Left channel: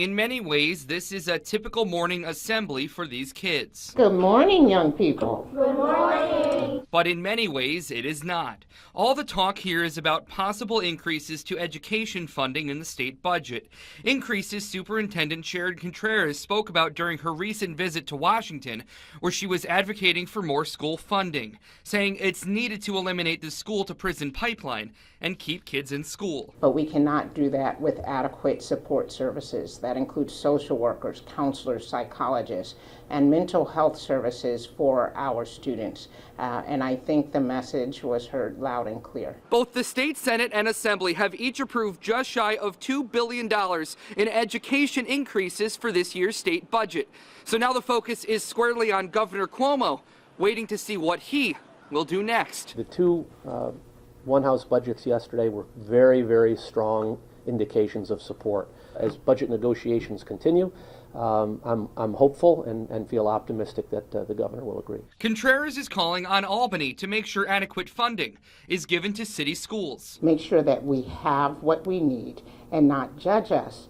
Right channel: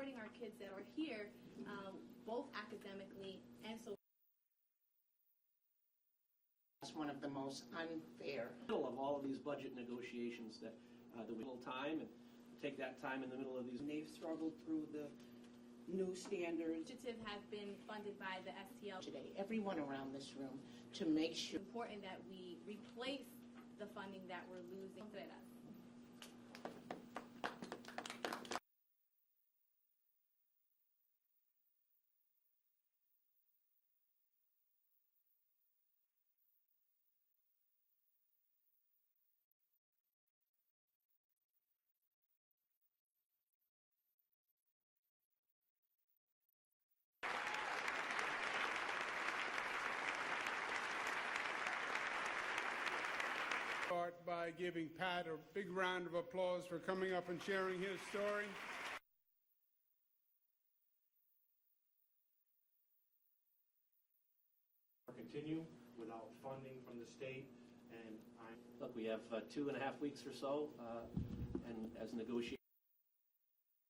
In many ways, this is a typical morning assembly for these kids. Good morning, young people. Good morning. But in many ways, it is not. All the talk here is about possible increases to education funding in the state budget. Increases Superintendent Sharon Contreras spoke about during her recent visit to Washington, where she was advocating for more school funding, saying it's needed to eliminate the school-to-prison pipeline and keep kids in school. But we cannot do that with adequate support services. That includes social workers, counselors, psychologists, and mental health services for our students. And I think the message was heard loud and clear. Both the state Senate and Assembly have each approved just shy of $2 billion in education increases for this year's state budget. So now the focus is squarely on Governor Cuomo, waiting to see what he will do next. The two one-house budgets yesterday were very, very strong indications of support. As budget negotiations continue, I'm hopeful and feel optimistic that the governor will agree. Contreras is calling on Albany to make sure adequate funding is given to city schools. Make sure that we have what we need and not judge us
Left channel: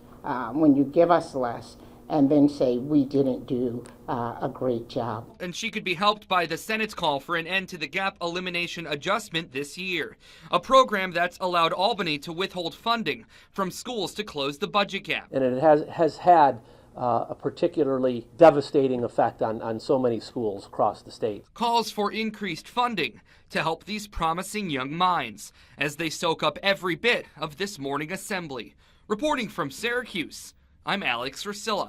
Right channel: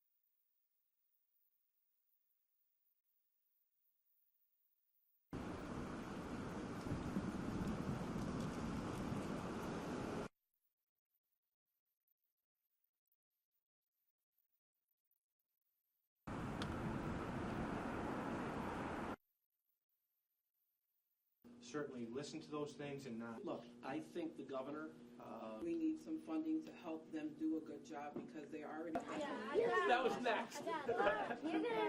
when you give us less and then say we didn't do a great job. And she could be helped by the Senate's call for an end to the gap elimination adjustment this year, a program that's allowed Albany to withhold funding from schools to close the budget gap. And it has had a particularly devastating effect on so many schools across the state. Calls for increased funding to help these promising young minds as they soak up every bit of this morning assembly. Reporting from Syracuse, I'm Alex Rusilla.